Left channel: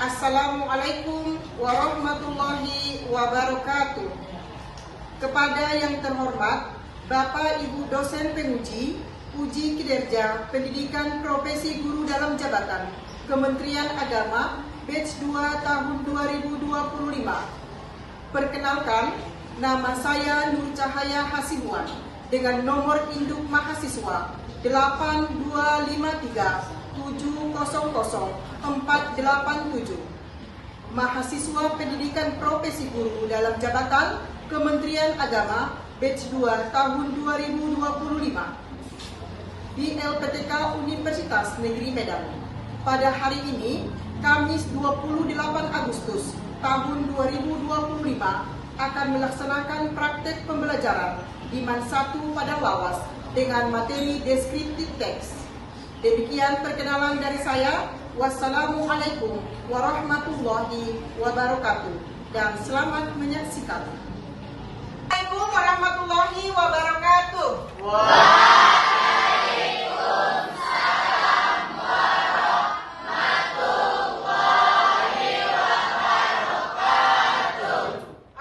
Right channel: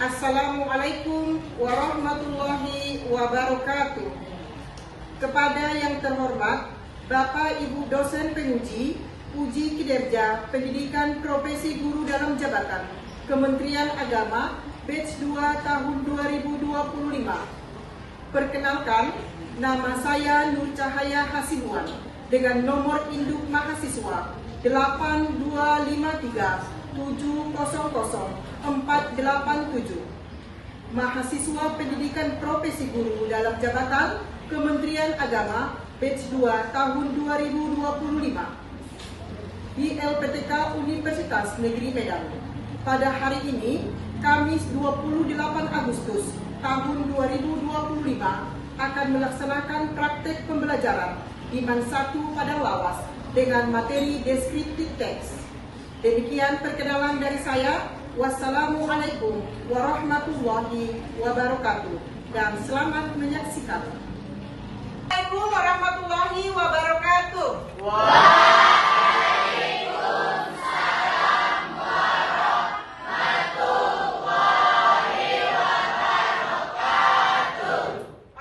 Assalamualaikum warahmatullahi wabarakatuh. Kepada yang terhormat Bapak Ibu dosen penguji, uji kinerja pendidikan profesi guru dalam jabatan Kementerian Agama batch 2 tahun 2025. Perkenalkan, nama saya Nur Cahaya Hasibuan dengan nomor induk mahasiswa 8253700487, mahasiswa pendidikan profesi guru dalam jabatan Kementerian Agama batch 2 tahun 2025 di LPTK Universitas Negeri Medan. Pada hari ini, Kamis 28 Agustus tahun 2025, akan melaksanakan praktek pembelajaran Iman 1 pada Lawas dengan materi deskriptif teks. Demikian perkenalan dari saya. Wassalamualaikum warahmatullahi wabarakatuh dan selamat menyaksikan. Assalamualaikum warahmatullahi wabarakatuh. Waalaikumsalam warahmatullahi wabarakatuh.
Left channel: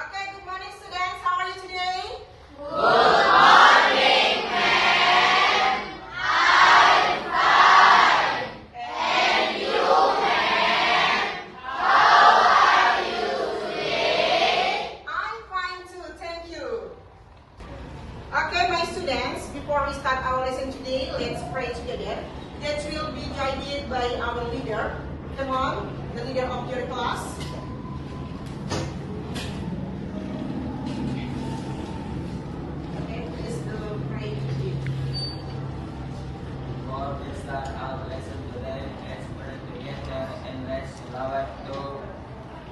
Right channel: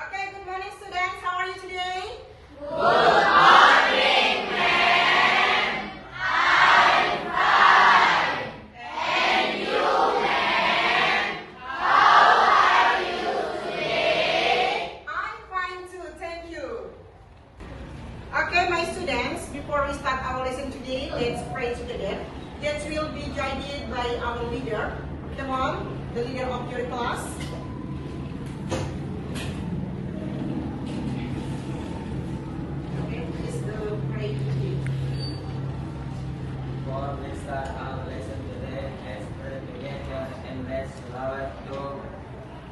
Okay, good morning students. How are you today? Good morning, ma'am. I'm fine. And you, ma'am? How are you today? I'm fine too, thank you. Okay, my students, before we start our lesson today, let's pray together. That will be guided by our leader. Come on, the leader of your class. Okay, let's do pray today. Before we start our lesson today, let's pray together and let's salawat to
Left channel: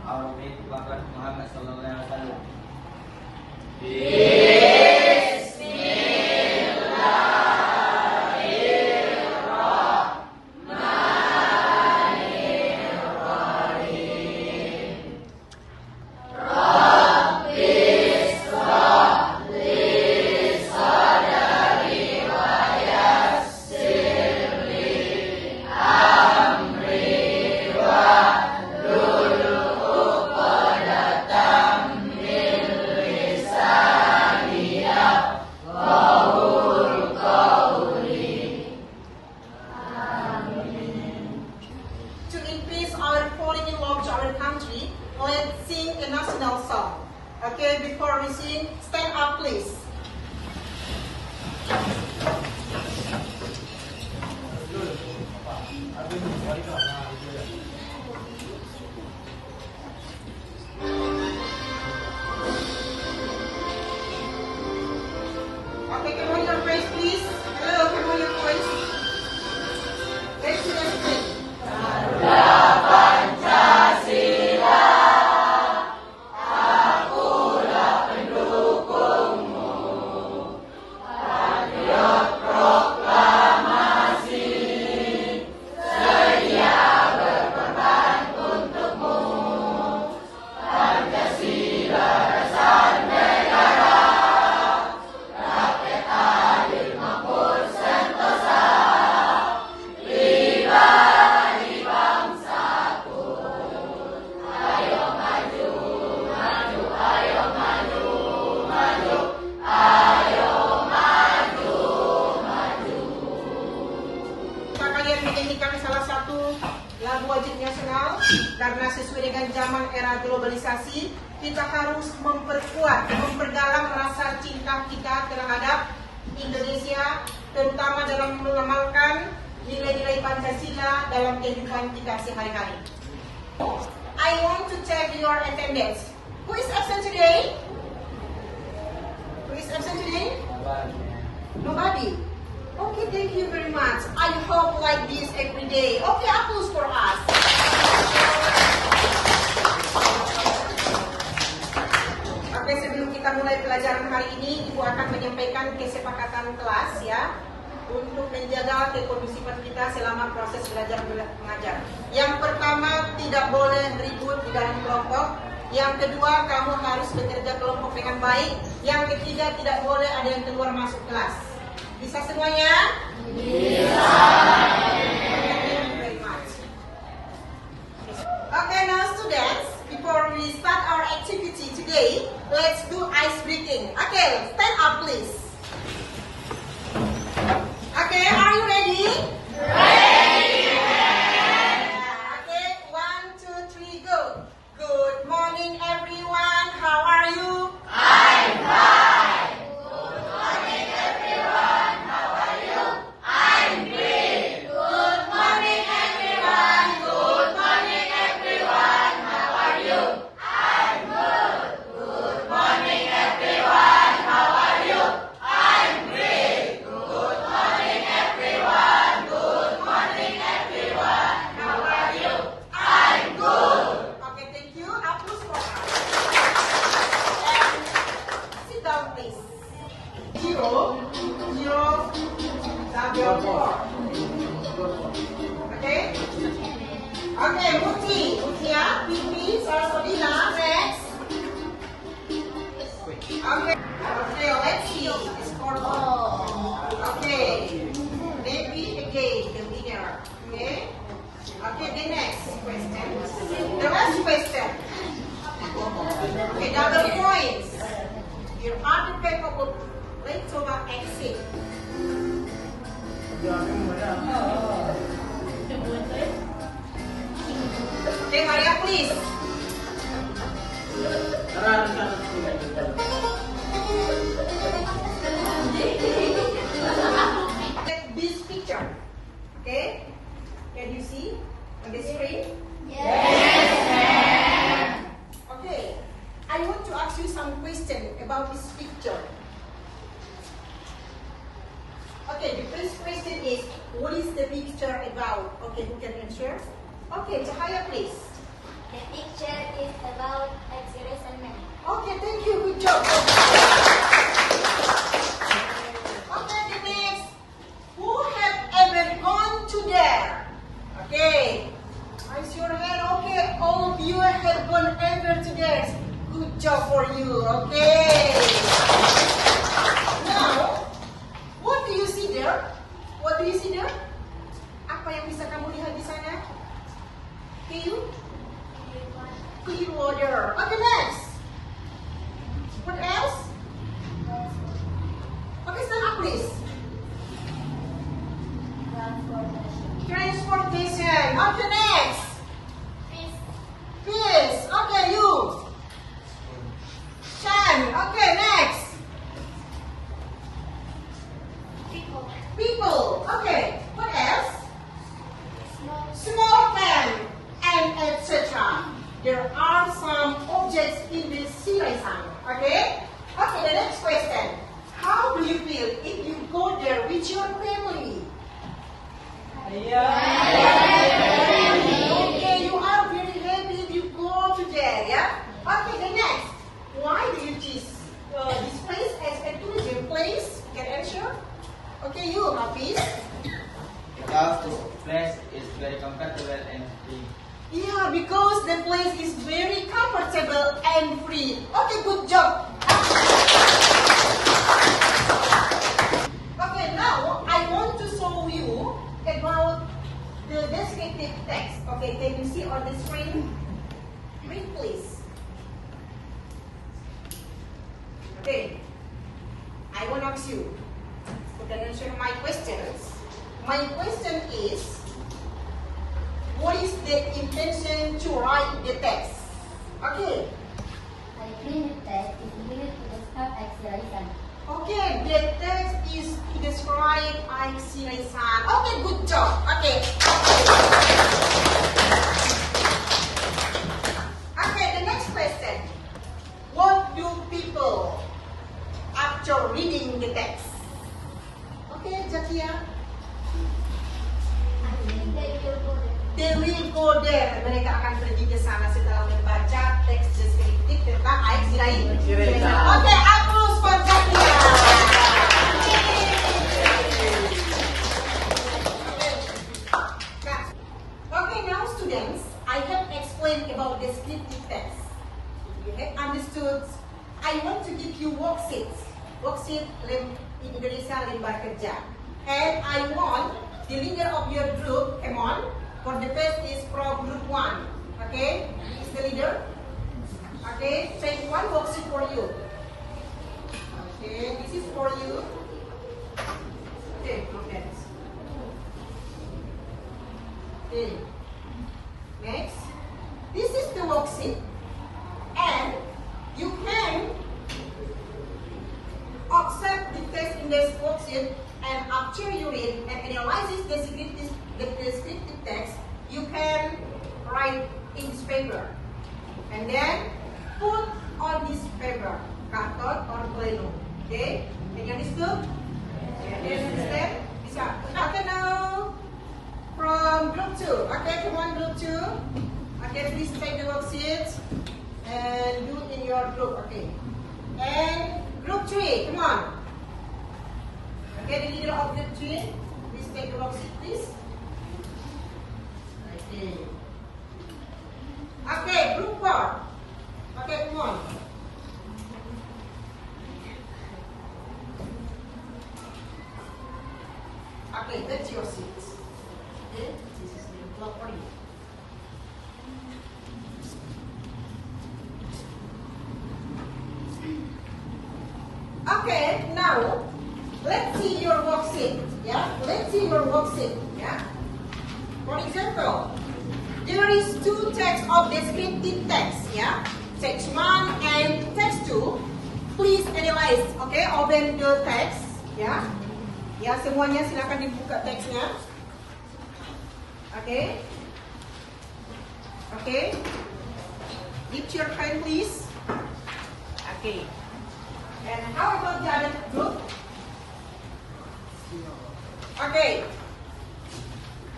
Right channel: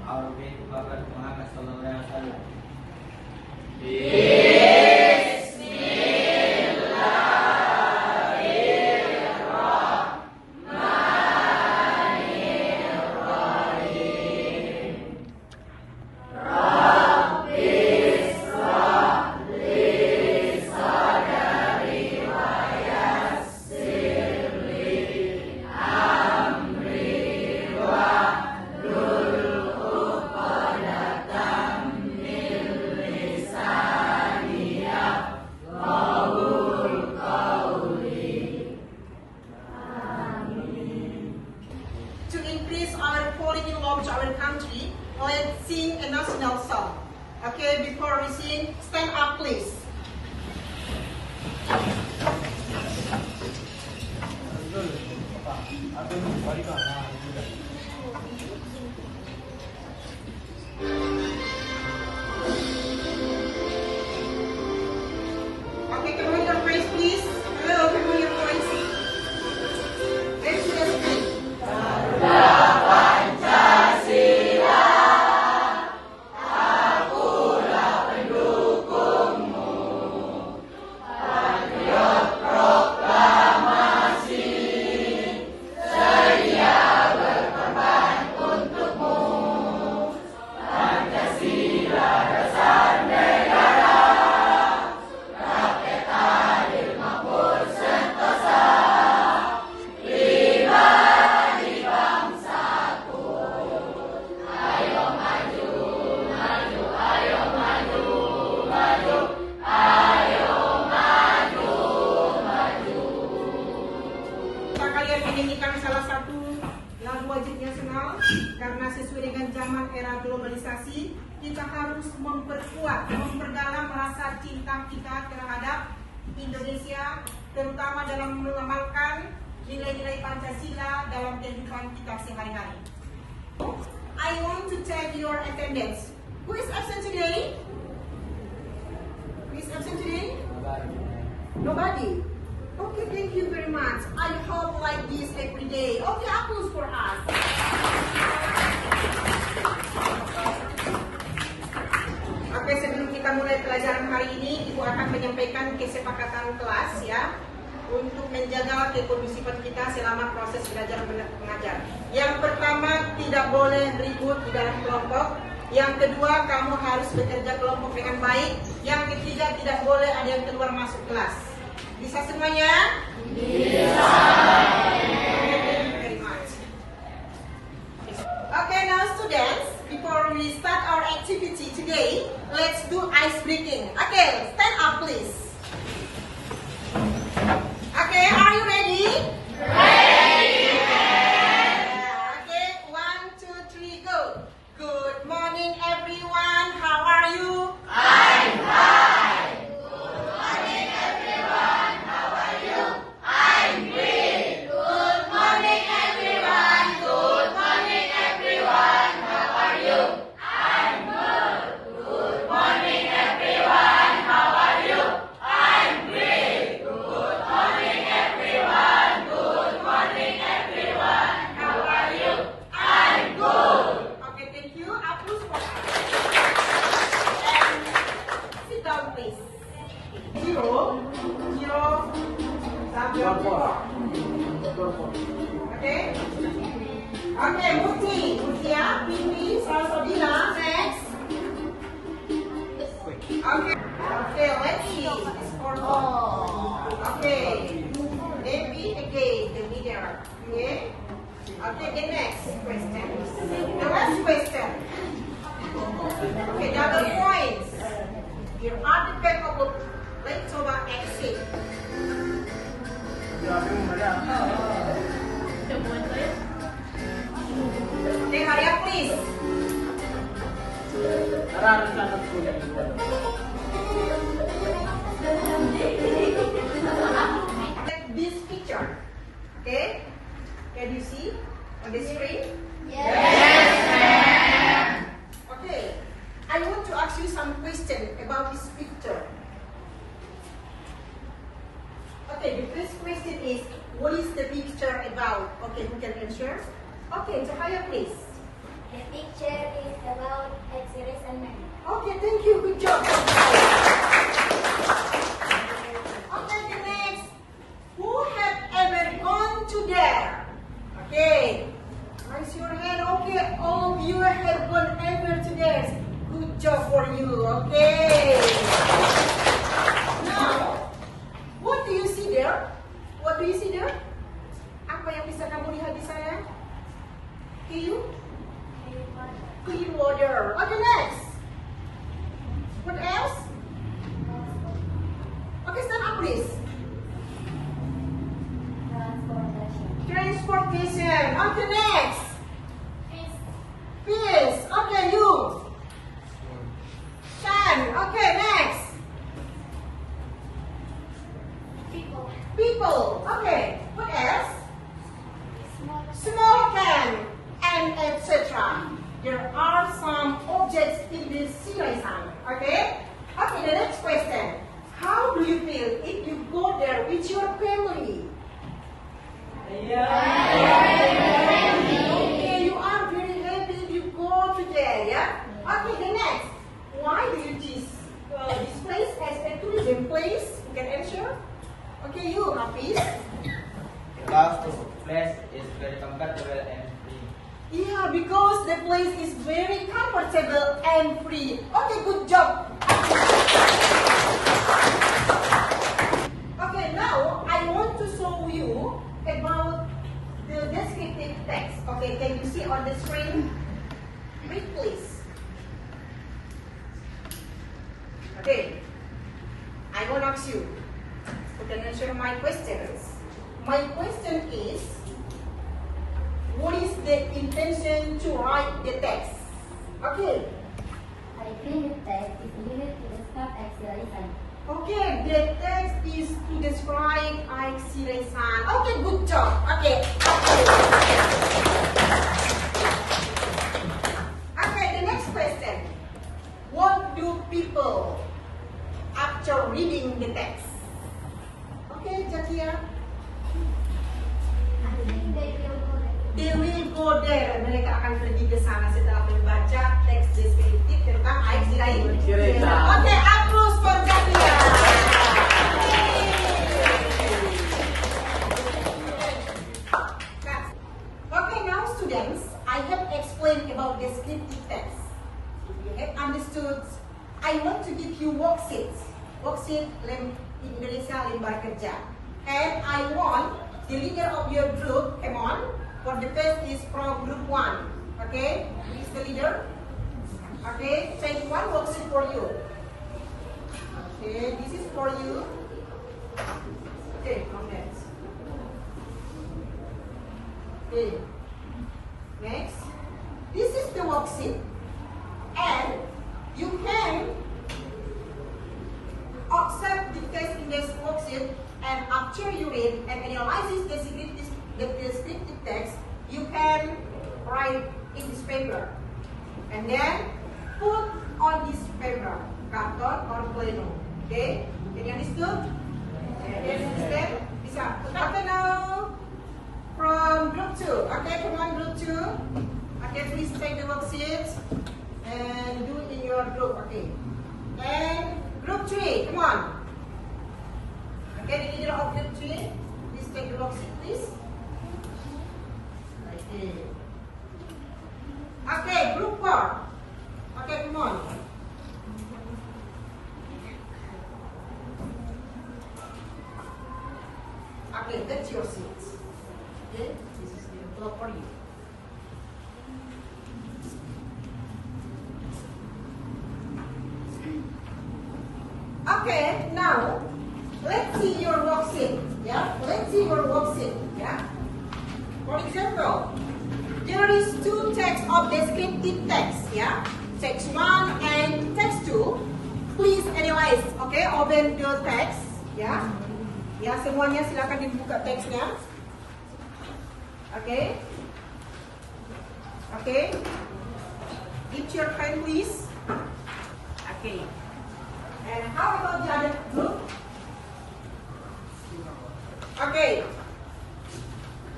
our great Prophet Muhammad sallallahu alaihi wasallam. To increase our falling in love to our country, let's sing a national song. Okay, before we sing, stand up please. Okay, can we hear your praise please? Hello, can we hear your praise? Let's sing. Kalian menyanyikan salah satu lagu wajib nasional karena sesuai dengan zaman era globalisasi, kita harus memperdalam rasa cinta kita terhadap Indonesia, terutama dalam mengamalkan nilai-nilai Pancasila dalam kehidupan kita sehari-hari. I want to check your attendance. Who is absent today? Who is absent today? Nobody. Okay, thank you very much. I hope like this every day. Okay, applause for us. Oke, sebelum kita mulai pelajaran hari ini, Ibu akan menyampaikan kesepakatan kelas ya untuk menjaga kekondusifan kita selama proses belajar mengajar. Yang pertama, tidak boleh ribut di dalam kelompok. Yang kedua, kamu harus bekerja kelompok dengan baik. Yang ketiga, tidak boleh ada yang keluar masuk kelas. Bisa semuanya? Bisa. Thank you very much. Okay, now students, before we start our activity today, let's do ice breaking. Okay, stand up please. Okay, are you ready? Ready! Okay, 1, 2, 3, go. Good morning everyone, how are you? I'm fine. Good morning everyone, how are you? I'm great. Good morning everyone, good morning everyone, how are you? I'm good. Good morning everyone, how are you? I'm great. Good morning everyone, good morning everyone, how are you? I'm good. Okay, thank you. Hapus water. And sit down please. 0, 0, sambil 4. Okay? Okay, Mutia, Pipi, Sarasodina, next. Okay, let's see. It's for all. Okay. Maybe again, the leader. Okay? Okay, the next question. The last question. Okay, double points. Your other paper will let's coba exit. Okay, hurry up please. This picture. Okay? Can you see on the screen? Yes. Okay. I want to ask you some question about this picture. Okay, the first question is, what is the picture about? Okay, who can answer? Okay, Cahaya please. The picture is about X-rays and men. Okay, thank you. Good job. Okay, the next. Who have ever gone to there? Okay. Raise your hand. Okay, all of you have gone ever to there. Good job for you. Okay. Now, what do you see there? What do you see there? Apa yang bisa kamu lihat di sana? Clean water. Okay, next. What else? Okay, stand up please. Transportation. Okay, next. Fish. Okay, you. Sand. Okay, next. People. Okay, what else? Small can and etc. There are some objects in this series. Okay? Okay, the next question. How do you feel if you go there with your family? Okay, you are very happy if you go to there, yeah? Okay, the next. Why do you choose this place as a tourism place? You can answer. Okay, you, Hafiz. Because this place is very comfortable and free. Yeah, because the place is very comfortable and free. Okay, good job. Okay, now I want to show you about the descriptive text. Okay, can you see on the screen? Read please. Okay, I want to ask you. You can answer my questions. My question is, what is the intention to write the text? Okay. I think the text is needed to describe X-rays. Okay, the text is to describe X-rays. Okay, good job. Okay. Okay, the next question. What do people after reading the text? Okay, Zakia. They will go there. Mereka akan pergi ke sana setelah membaca teks deskriptif tentang X-ray. Oke, applause for Zakia. Okay, now students, I have explained about descriptive text. If you have understood, I want to give you worksheets. Worksheet in Indonesia lembar kerja. And I want the leader of your group, come on. For the first is pro group 1. Okay? leader. Okay, take one worksheet for you. Okay, this is for you. Okay, okay. Okay. Next, this is the worksheet, and you can accept the text in this worksheet, and after you read and analyze the descriptive text, you can write in this paper, and then put on this paper, karton or plano. Okay, can you understand? Can you understand? Bisa. Okay, now from group 2. Okay, come on, group 2. Okay, please take the worksheet and do it in your group. Okay, and group 3, come on. Okay, the leader of group 3, please take the worksheet, please. Okay. Okay, group 4. Okay, come on. Okay, that's your seats. Okay, this is the envelope for you. Okay, now let's see your worksheet. Yeah, let's see your worksheet. Yeah. For example, there is two texts of descriptive text. Yeah, text 1 and text 2. Please analyze. Okay, open the text. Yeah. Ya, semuanya silakan dibuka teksnya. Okay. Okay. Give your pen, please. Okay. And how about the other group? Okay.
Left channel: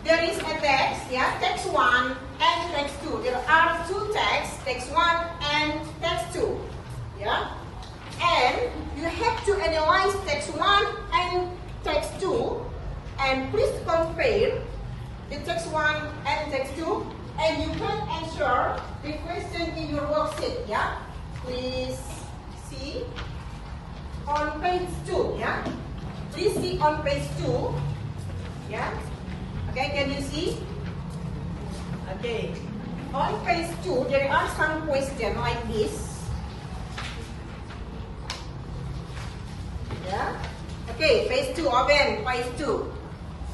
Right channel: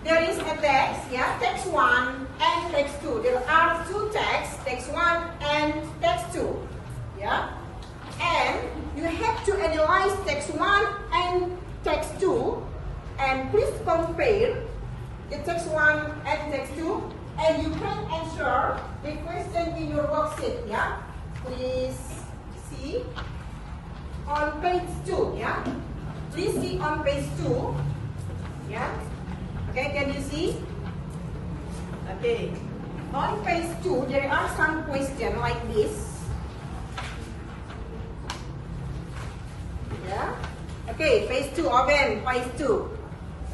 There is a text, yeah, text 1 and text 2. There are two texts, text 1 and text 2. Yeah. And you have to analyze text 1 and text 2, and please compare the text 1 and text 2, and you can answer the question in your worksheet. Yeah, please see on page 2. Yeah, please see on page 2. Yeah, okay, can you see? Okay, on page 2 there are some questions like this. Yeah. Okay, phase 2, open, phase 2.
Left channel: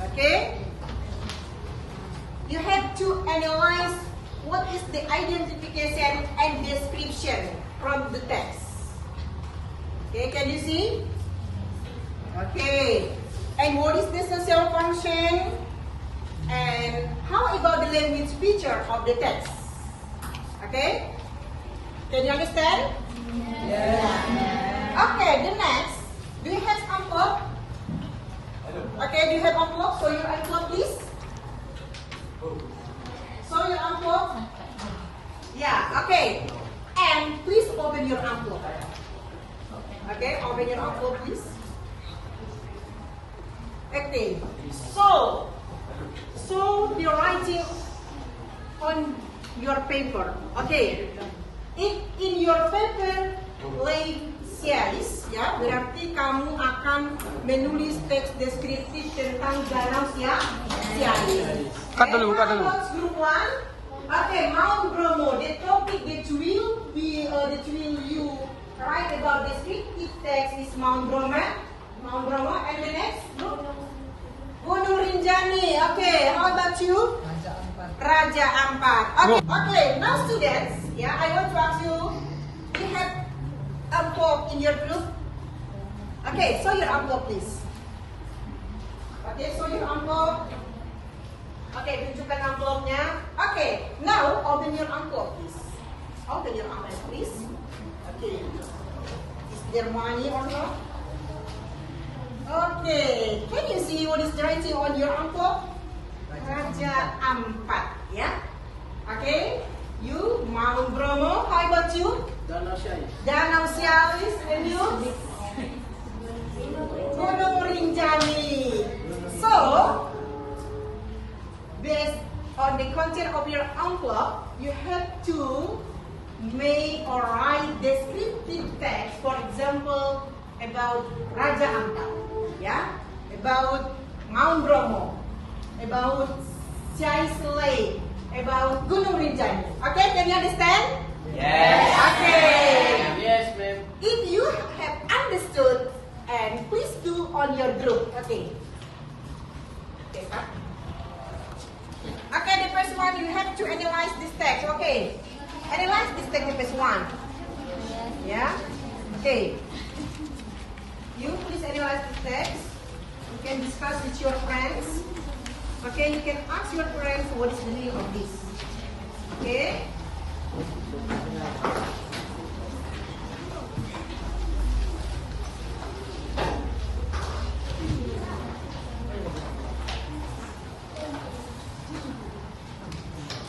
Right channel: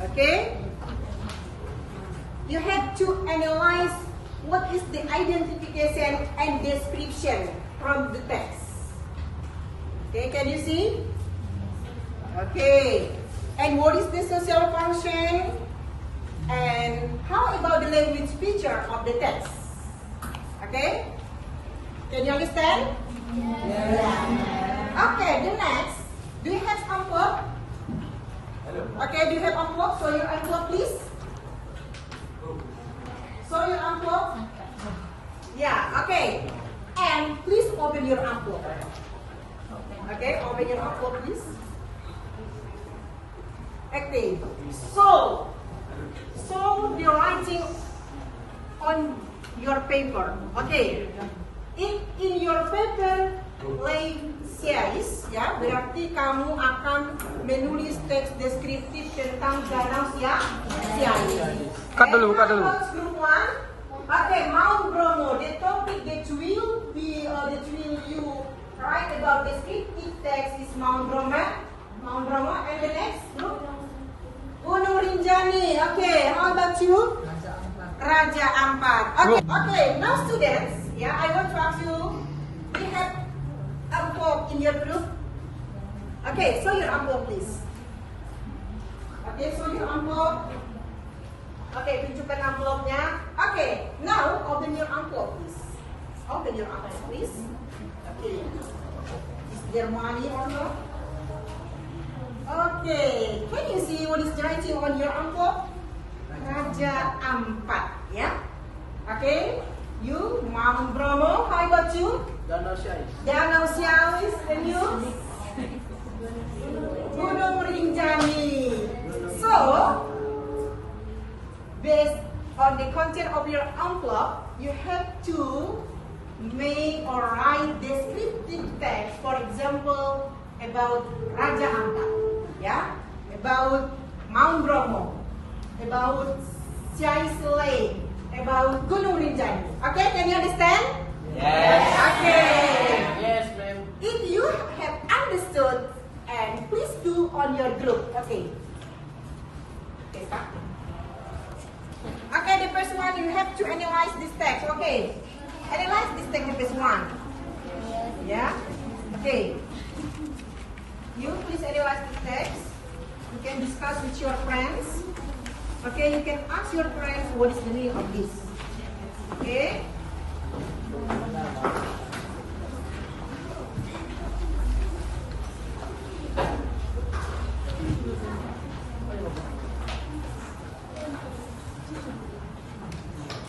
Okay? You have to analyze what is the identification and description from the text. Okay, can you see? Okay. And what is the social function? And how about the language feature of the text? Okay? Can you understand? Yeah. Okay, the next. Do you have envelope? Okay, do you have envelope? Show your envelope, please. Show your envelope. Yeah, okay. And please open your envelope. Okay, open your envelope, please. Okay. So the writing on your paper. Okay. In your paper lay series, ya, berarti kamu akan menulis teks deskriptif tentang danau Sialis. Cut dulu. Group 1. Okay, Mount Bromo. The topic that will you write about descriptive text is Mount Bromo. And the next group, Gunung Rinjani. Okay, how about you? Raja Ampat. Okay, now students, yeah, I want to ask you, you have envelope in your group? Okay, show your envelope, please. Okay, show your envelope. Okay, tunjukkan envelope-nya. Okay, now open your envelope, please. Open your envelope, please. Okay. Is there money or not? Okay, can you see what is writing on your envelope? Raja Ampat, ya. Okay, you Mount Bromo. How about you? Danau Sialis, and you? Gunung Rinjani. So, based on the content of your envelope, you have to make or write descriptive text. For example, about Raja Ampat, yeah, about Mount Bromo, about Sialis Lake, about Gunung Rinjani. Okay, can you understand? Yes. Okay. Yes, ma'am. If you have understood, and please do on your group. Okay. Okay, Pak. Okay, the first one you have to analyze this text. Okay. Analyze this text, the first one. Yes. Yeah. Okay. You please analyze this text. You can discuss with your friends. Okay, you can ask your friends what is the meaning of this. Okay.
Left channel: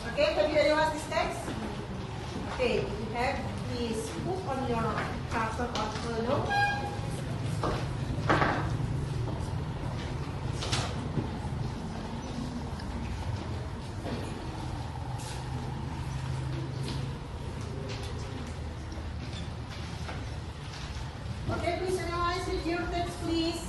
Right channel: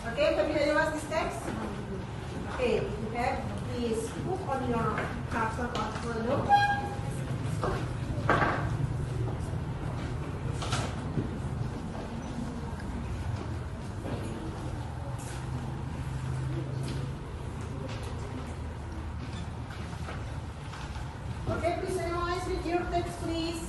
Okay, can you analyze this text? Okay, you have please put on your chapter of note. Okay, please analyze read your text, please.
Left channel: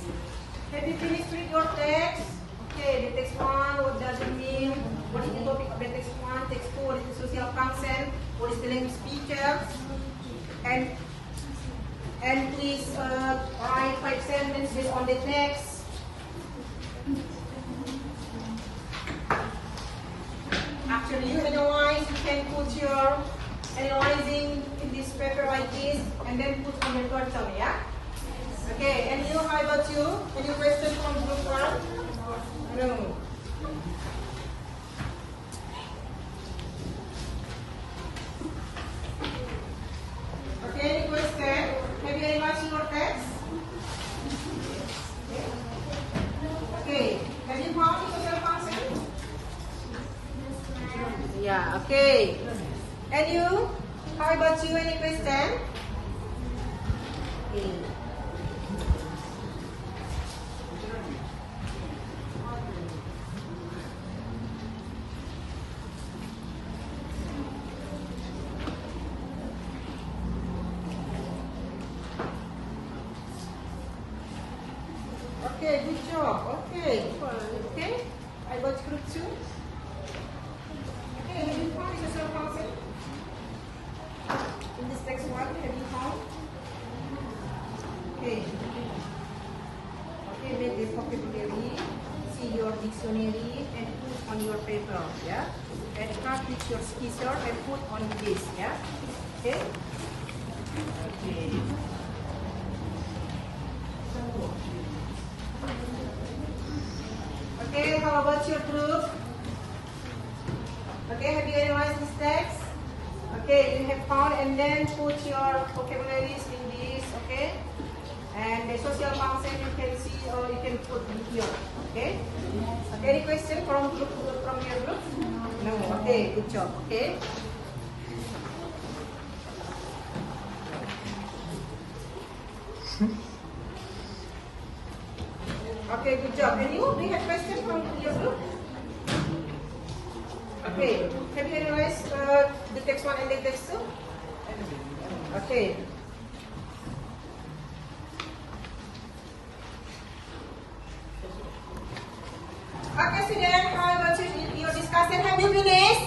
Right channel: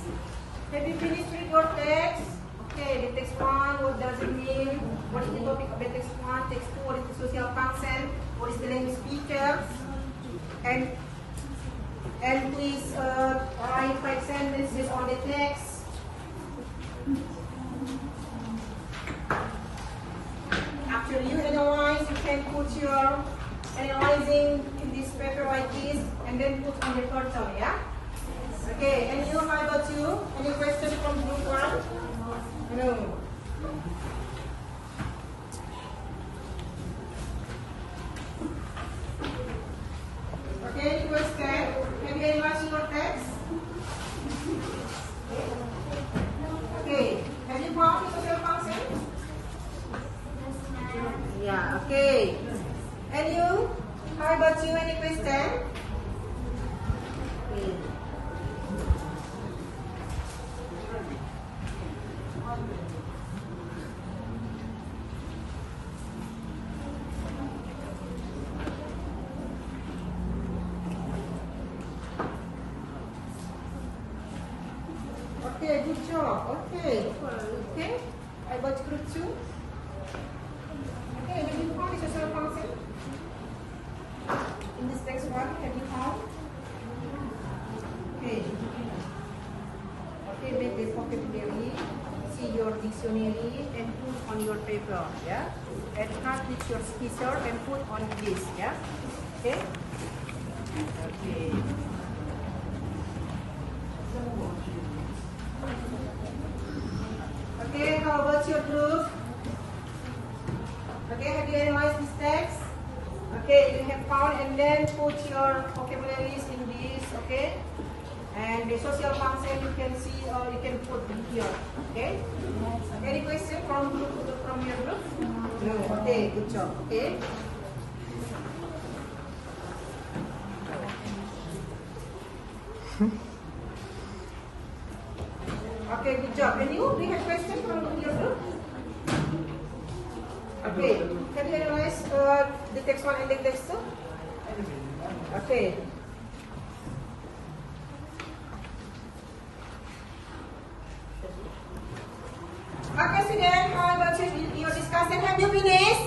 Have you finished read your text? Okay, the text one, what does it mean? What is the topic of the text one? Text two, what is the social function? What is the language feature? And please write 5 sentences on the text. After you analyze, you can put your analyzing in this paper like this, and then put on the portal, yeah? Okay, and you, how about you? Any question from group one? No. Okay, any question? Have you analyzed your text? Okay, have you found the social function? Yeah, okay. And you? How about you? Any question? Okay. Okay, good job. Okay. Okay. How about group 2? Okay, have you found the social function? In this text one, have you found? Okay. Okay, make the vocabulary, see your dictionary, and put on your paper, yeah? And cut with your scissor and put on this, yeah? Okay? Okay. Okay, how about your group? Okay, have you analyzed this text? Okay, you have found, and then put your vocabularies in this, okay? And the social function you can see, or you can put here, okay? Any question from your group? No. Okay, good job. Okay. Okay, good job. And you? Do you have question from your group? Okay. Have you analyzed the text one and the text two? Okay. Okay, students, how about your discussion? Have you finished?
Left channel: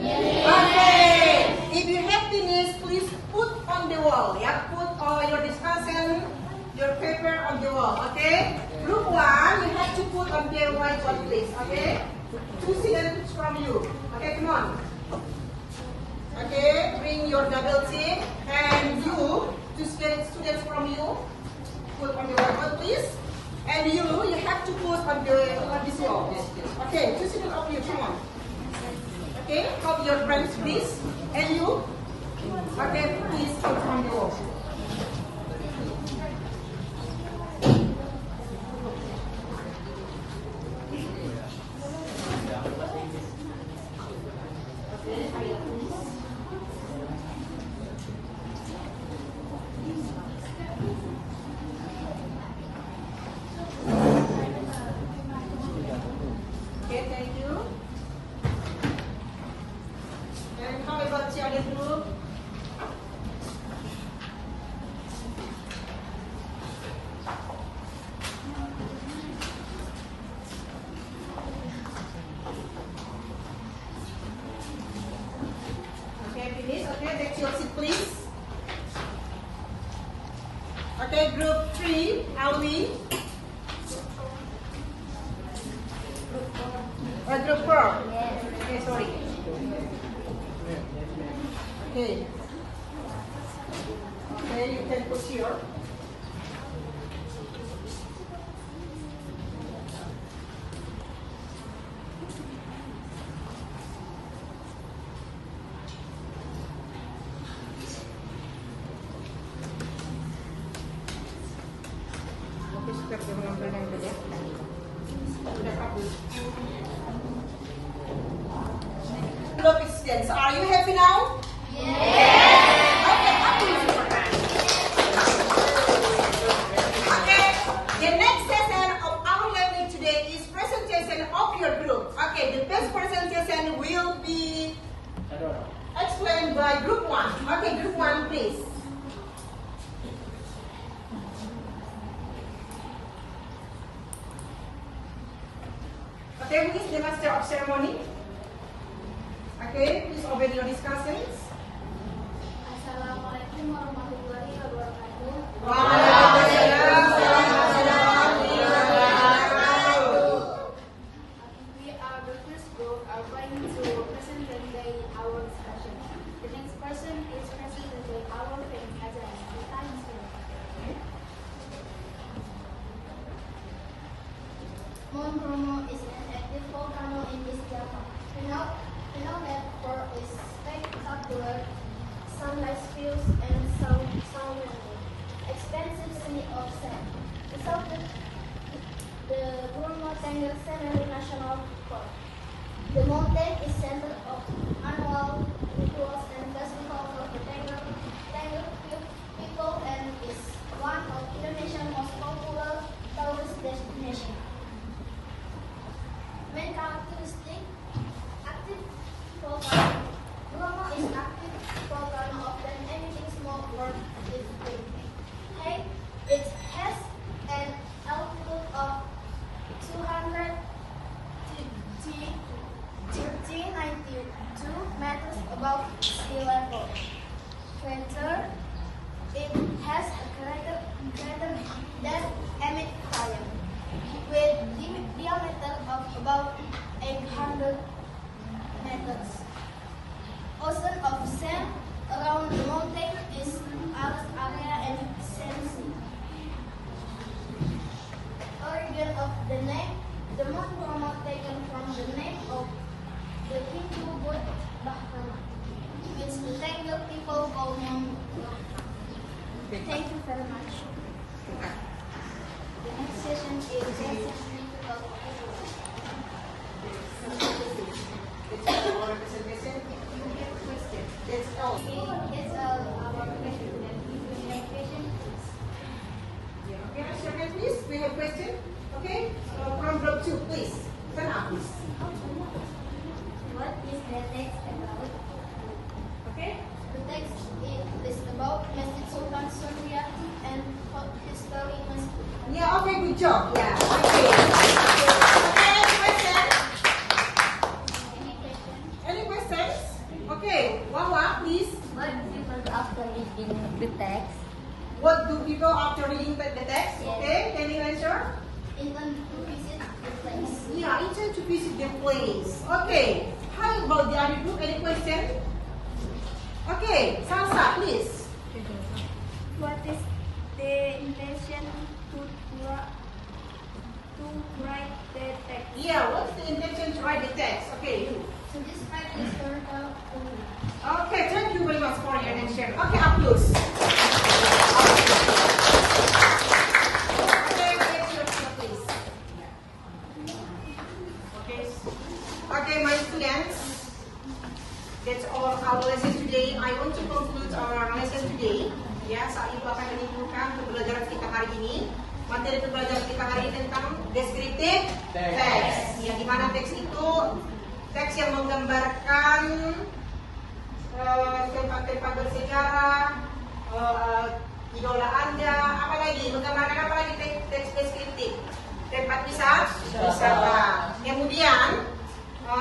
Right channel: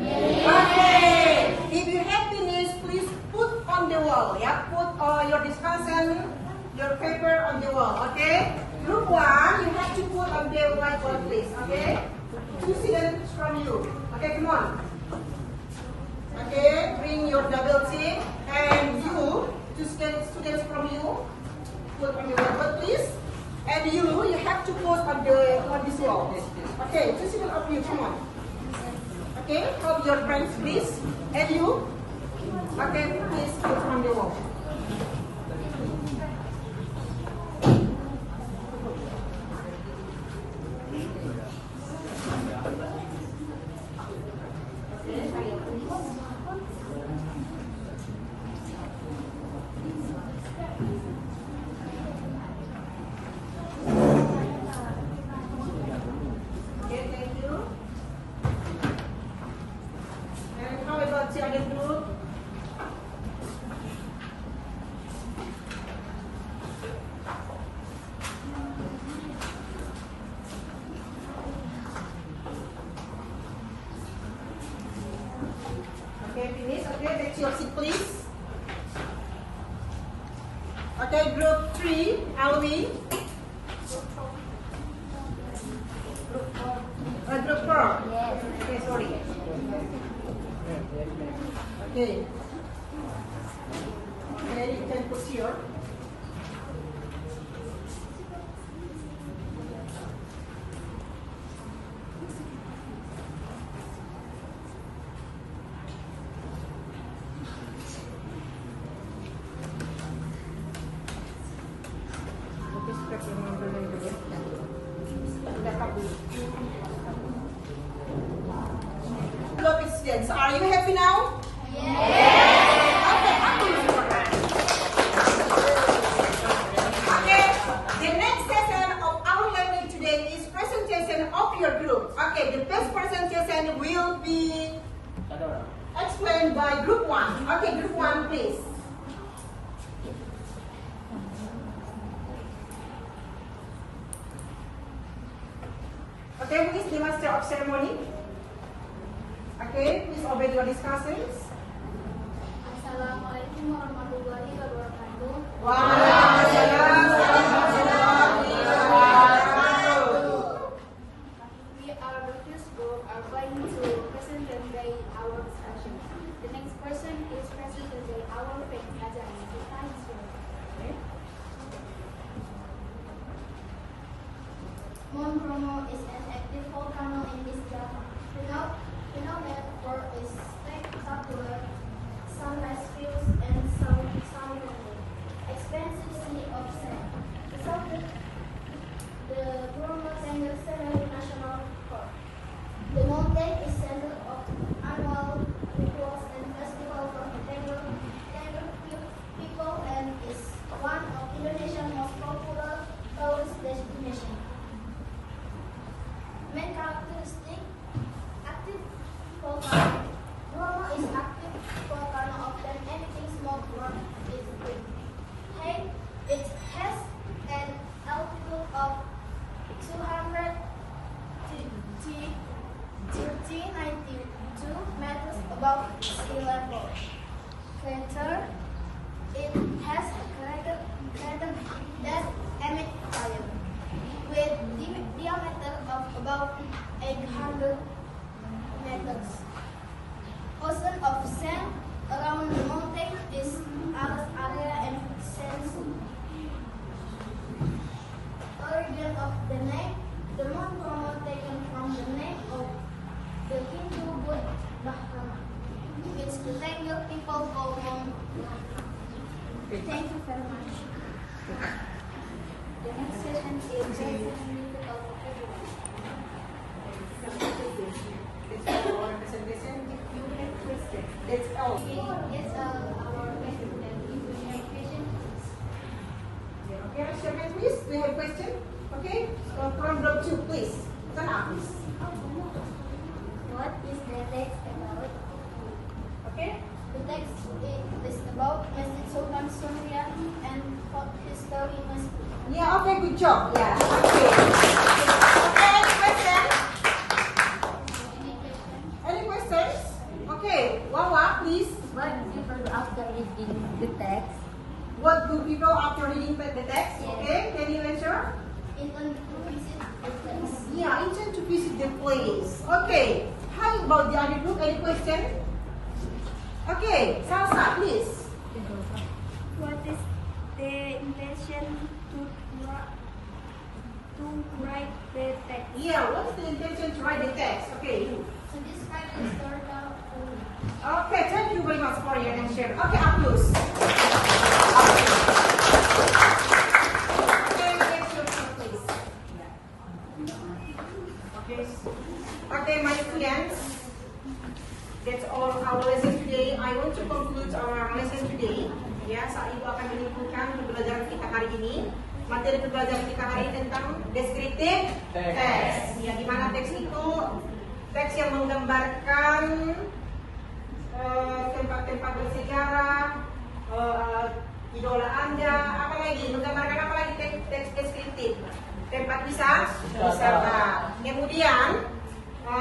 Yes. Okay. If you have finished, please put on the wall. Yeah, put your discussion, your paper on the wall. Okay. Group 1, you have to put on the whiteboard, please. Okay. 2 students from you. Okay, come on. Okay, bring your double team, and you, 2 students from you, put on the whiteboard, please. And you have to put on this wall. Okay, 2 students of you, come on. Okay, help your friends, please. And you, okay, please put on the wall. Okay, thank you. And how about the other group? Okay, finish. Okay, take your seat, please. Okay, group 3, Alwi. Group 4. Yes. Okay, sorry. Okay. Okay, you can push here. Look, students, are you happy now? Okay, up with your hand. Okay, the next session of our learning today is presentation of your group. Okay, the first presentation will be explained by group 1. Okay, group 1, please. Okay, who is the master of ceremony? Okay, please obey your discussions. Assalamualaikum warahmatullahi wabarakatuh. Waalaikumsalam warahmatullahi wabarakatuh. We are the first group are going to present today our discussion. The next person is present today our friend Azan. The time is yours. Okay. Mount Bromo is an active volcano in East Java. We know that there is spectacular sunrise views and sound expansive sea of sand. The Bromo Tengger Scenery National Park. The mountain is center of annual rituals and festival for the Tengger people and is one of Indonesia's most popular tourist destinations. Main characteristic, active volcano. Bromo is active volcano of than anything small or its peak. Height, it has an altitude of 292 meters above sea level. Crater, it has a crater that emits fire with diameter of about 800 meters. Ocean of sand around the mountain is area and sense. Origin of the name, the Mount Bromo taken from the name of the Hindu god Brahma, which the Tengger people call Mount Brahma. Thank you very much. The next session is musical vocabulary. That's all our presentation. If you have questions, that's all. Yes, our question that if you have questions, Yeah, okay, raise your hand, please. We have question. Okay, from group 2, please. Stand up, please. what is the text about? Okay. The text is about Masjid Sultan Suria and history masjid. Yeah, okay, good job. Yeah, okay. Okay, any question? Any question? Any questions? Okay, Wawa, please. What do people do after reading the text? What do people after reading the text? Yes. Okay, can you answer? Intend to visit the place. Yeah, intend to visit the place. Okay, how about the other group? Any question? Okay, Salsa, please. What is the intention to write the text? Yeah, what's the intention to write the text? Okay, you. To describe the historical event. Okay, thank you very much for your answer. Okay, up close. Okay, next question, please. Okay, my students, that's all our lesson today. I want to conclude our lesson today. Ya, saat itu akan menyimpulkan pembelajaran kita hari ini. Materi pembelajaran kita hari ini tentang descriptive text. Ya, di mana teks itu teks yang menggambarkan tempat-tempat bersejarah, idola Anda, apalagi menggambarkan apalagi teks deskriptif, tempat wisata. Kemudian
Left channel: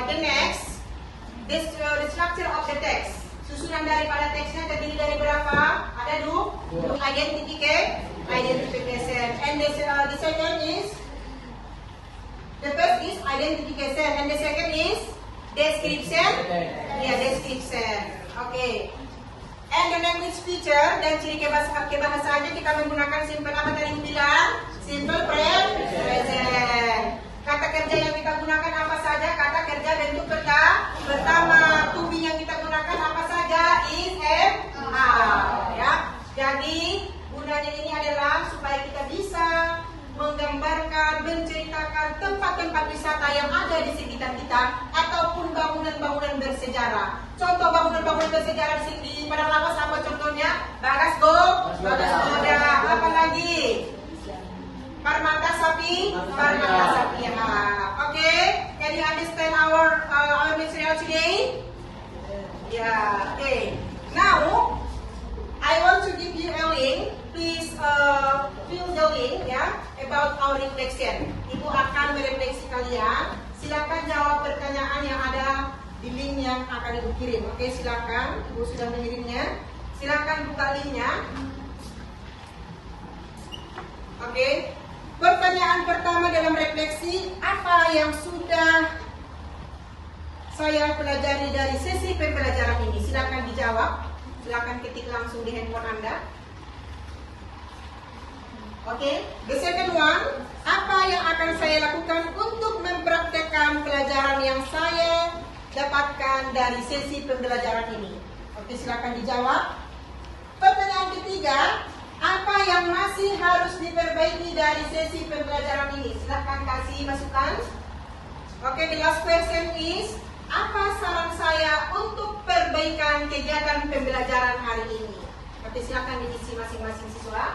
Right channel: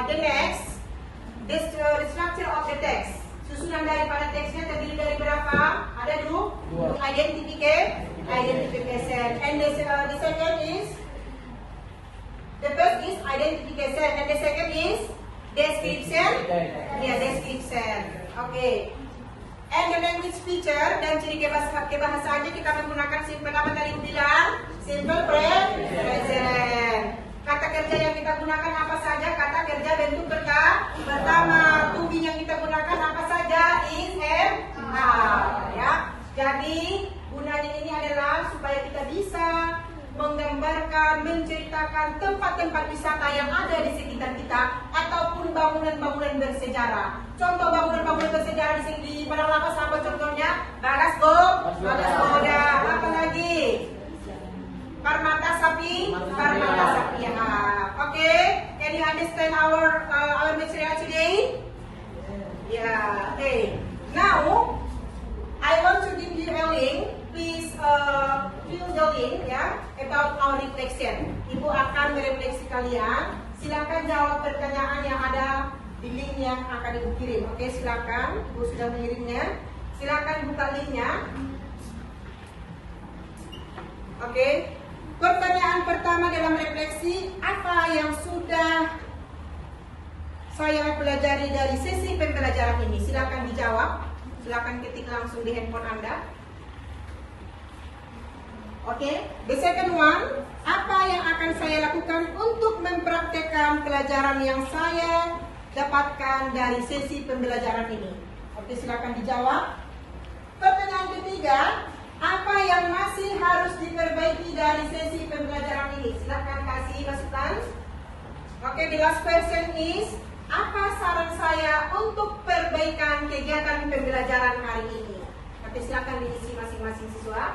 the next, the structure of the text. Susun susunan daripada teksnya terdiri dari berapa? Ada dua. Identification. And the second is, the first is identification, and the second is description. Ya, description. Oke. And the language feature dan ciri kebahasaannya kita menggunakan simple apa tadi aku bilang? Simple present. Kata kerja yang kita gunakan apa saja? Kata kerja bentuk pertama. To be yang kita gunakan apa saja? Is and are. Ya. Jadi gunanya ini adalah supaya kita bisa menggambarkan, menceritakan tempat-tempat wisata yang ada di sekitar kita ataupun bangunan-bangunan bersejarah. Contoh bangunan-bangunan bersejarah di sini di Padang Lawas apa contohnya? Bagas ada. Apa lagi? Permata sapi ya. Oke, can you understand our material today? Yeah. Okay. Now I want to give you a link. Please fill the link ya about our reflection. Ibu akan merefleksi kalian. Silakan jawab pertanyaan yang ada di link yang akan Ibu kirim. Oke, silakan. Ibu sudah mengirimnya. Silakan buka linknya. Oke. Pertanyaan pertama dalam refleksi, apa yang sudah saya pelajari dari sesi pembelajaran ini? Silakan dijawab. Silakan ketik langsung di handphone Anda. Oke, the second one, apa yang akan saya lakukan untuk mempraktekkan pelajaran yang saya dapatkan dari sesi pembelajaran ini? Oke, silakan dijawab. Pertanyaan ketiga, apa yang masih harus diperbaiki dari sesi pembelajaran ini? Silakan kasih masukan. Oke, the last question is, apa saran saya untuk perbaikan kegiatan pembelajaran hari ini? Oke, silakan diisi masing-masing siswa.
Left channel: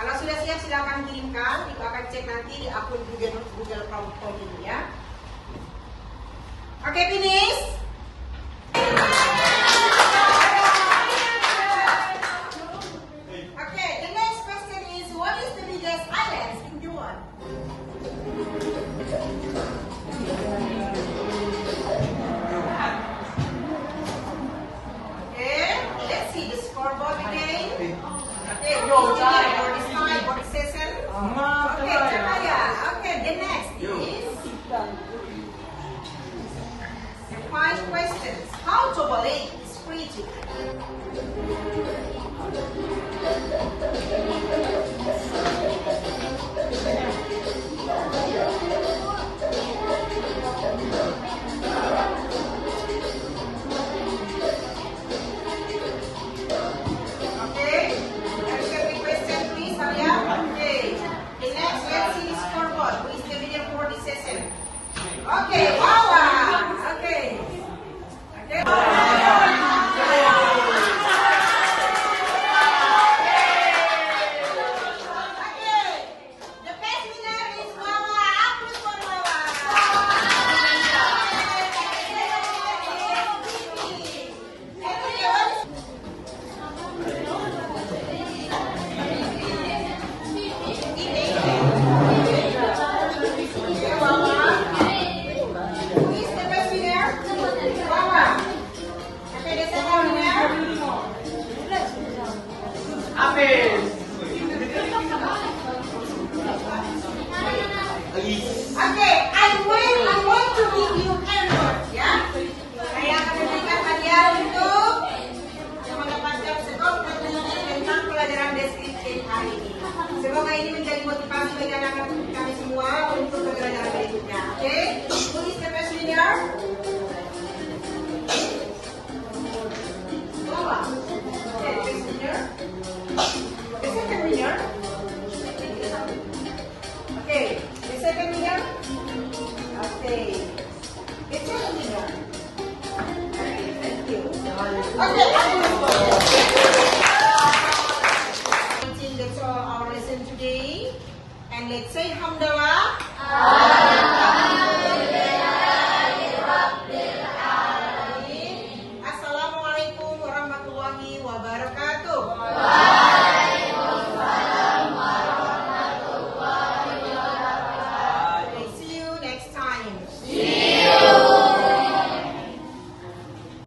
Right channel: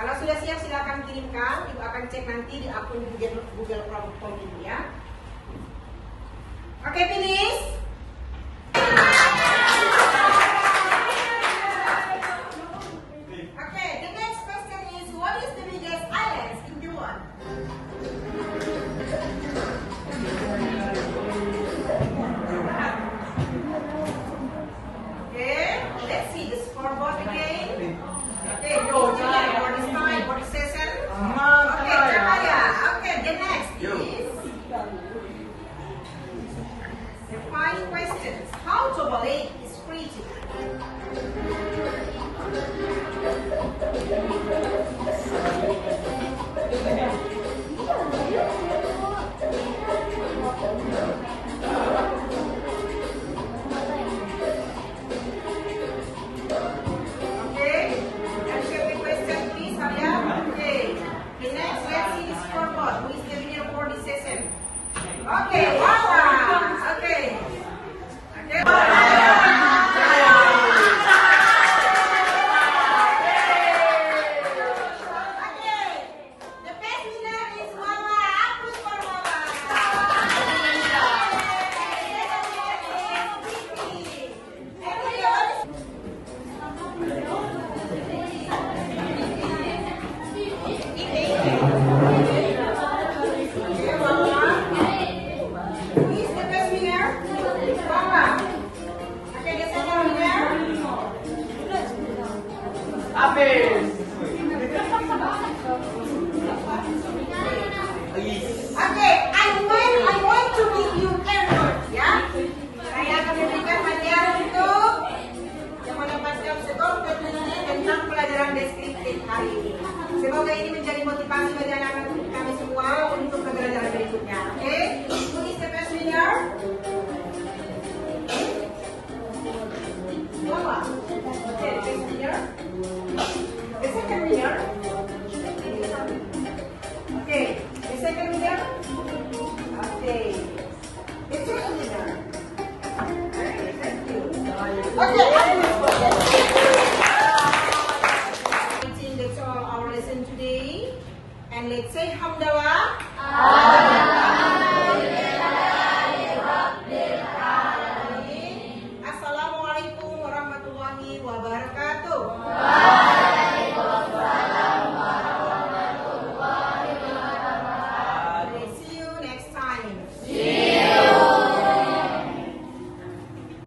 Kalau sudah siap silakan kirimkan. Ibu akan cek nanti di akun Google Form ini ya. Oke, finish. Oke, the next question is, what is the biggest island in the world? Okay, let's see the scoreboard again. Okay, board is 5, board is 7. Okay, Cahaya. Okay, the next is the 5 questions. How to believe is preaching? Okay, Wawa. Okay. Okay. The best winner is Wawa. Applause for Wawa. Okay, I want to give you effort, ya. Saya akan memberikan hadiah untuk yang mendapatkan skor tertinggi tentang pelajaran deskripsi hari ini. Semoga ini menjadi motivasi bagi anak-anak kami semua untuk pembelajaran berikutnya. Oke, who is the best winner? Okay, best winner. The second winner. Okay, the second winner. Okay, the second winner. Okay, thank you. Okay, I think that's all our lesson today. And let's say Hamdallah.